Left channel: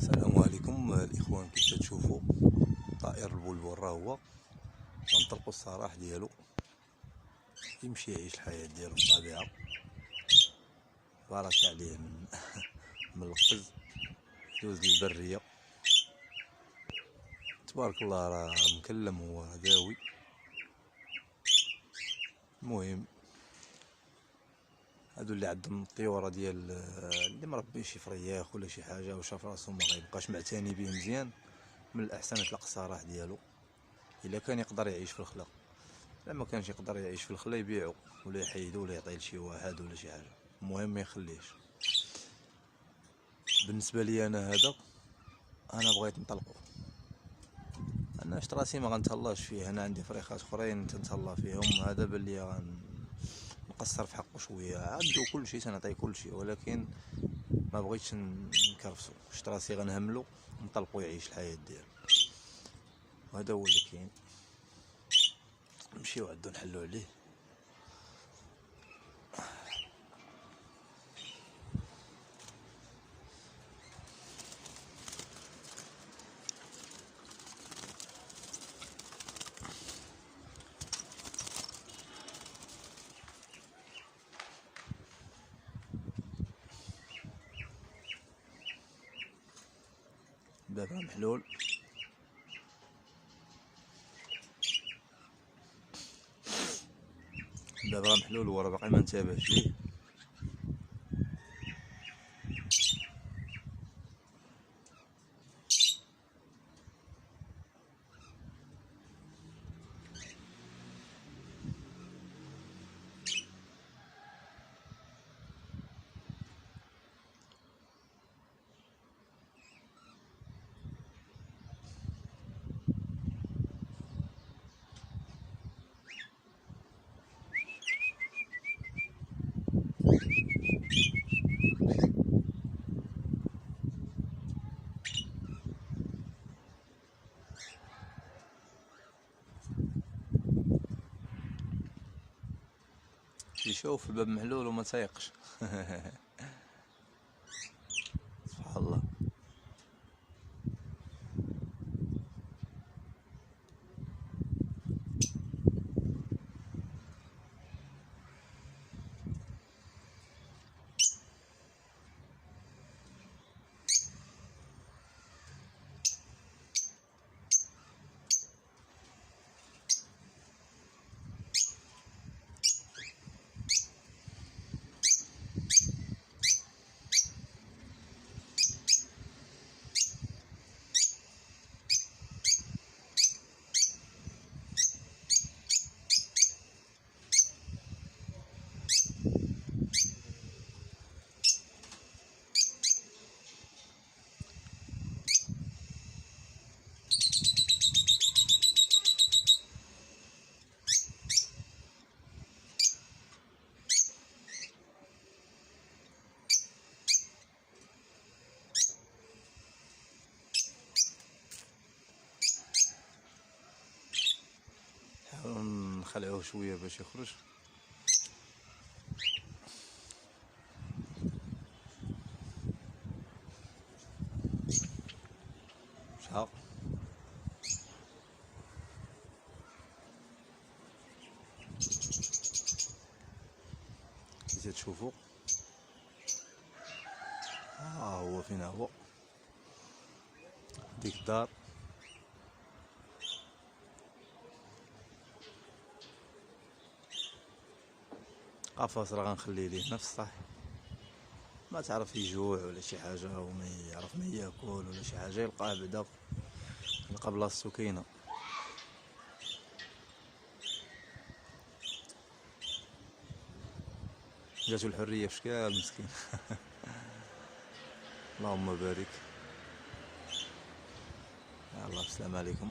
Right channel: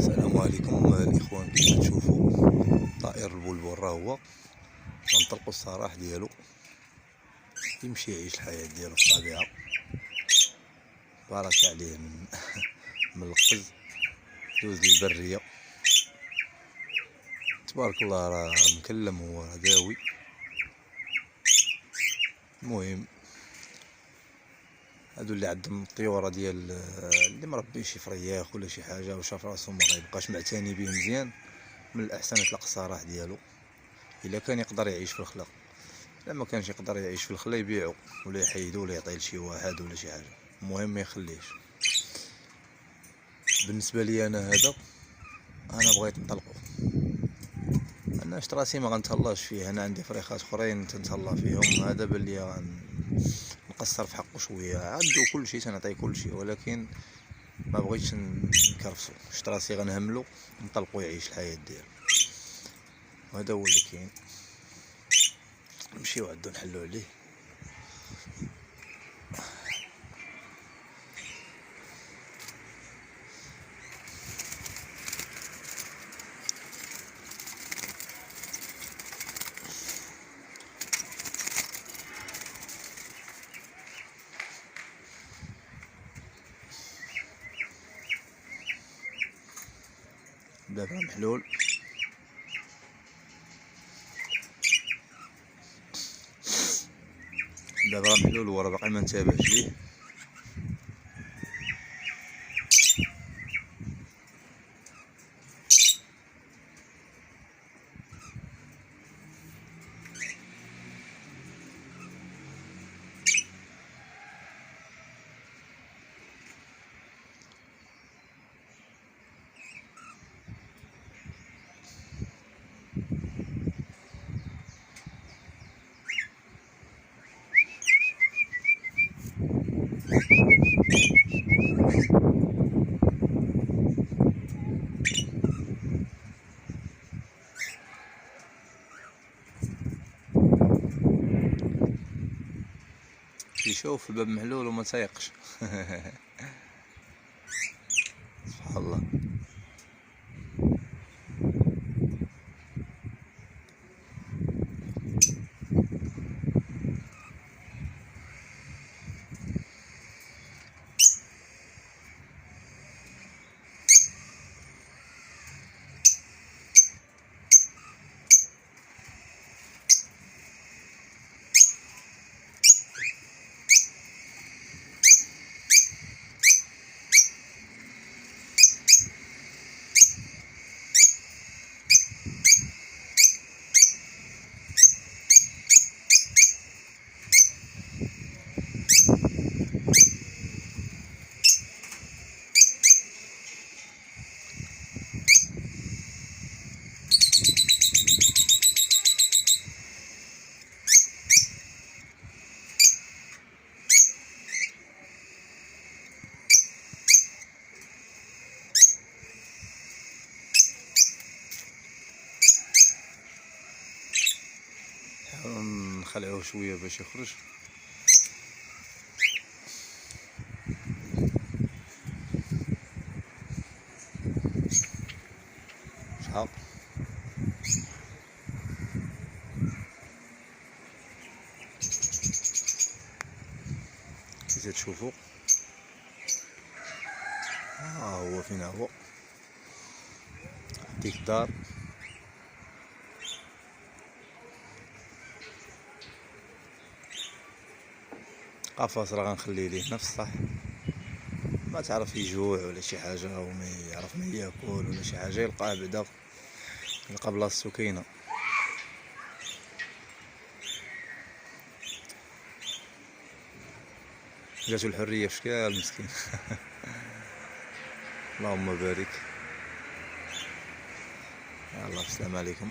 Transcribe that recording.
السلام عليكم الاخوان. كيف تشوفوا طائر البلبل راه هو غنطلقوا السراح ديالو يمشي يعيش الحياة ديالو في الطبيعة. بارك عليه من القفز دوز للبرية. تبارك الله راه مكلم، هو راه داوي. المهم هادو اللي عندهم الطيورة ديال اللي مربين شي فرياخ ولا شي حاجة وشاف راسو ما غيبقاش معتني به مزيان، من الاحسن يطلق السراح ديالو. الا كان يقدر يعيش في الخلا، لما كانش يقدر يعيش في الخلا يبيعو ولا يحيدو ولا يعطيه لشي واحد ولا شي حاجه. المهم ما يخليش. بالنسبه لي انا بغيت نطلقو. انا شت راسي ما غنتهلاش فيه، انا عندي فريخات اخرين تنتهلا فيهم. هذا باللي نقصر في حقه شويه، عندو كلشي تنعطيه كلشي، ولكن ما بغيتش نكرفسو. شت راسي غنهملو نطلقو يعيش الحياه ديالو. وهذا هو اللي كاين. نمشيو عندو نحلو عليه. دابا محلول. دابا محلول وراه باقي ما انتبهش ليه. يشوف الباب محلول وما تايقش. سبحان الله. نخلعوه شويه باش يخرج. شحال كي تشوفوا هو فين هو ديك الدار. قفص راه غنخليه ليه نفس صح، ما تعرف يجوع ولا شي حاجه وما يعرف ما ياكل ولا شي حاجه، يلقاه بعدا يلقى بلاصتو كاينه. جاتو الحريه في شكال مسكين. اللهم بارك. يلا السلام عليكم.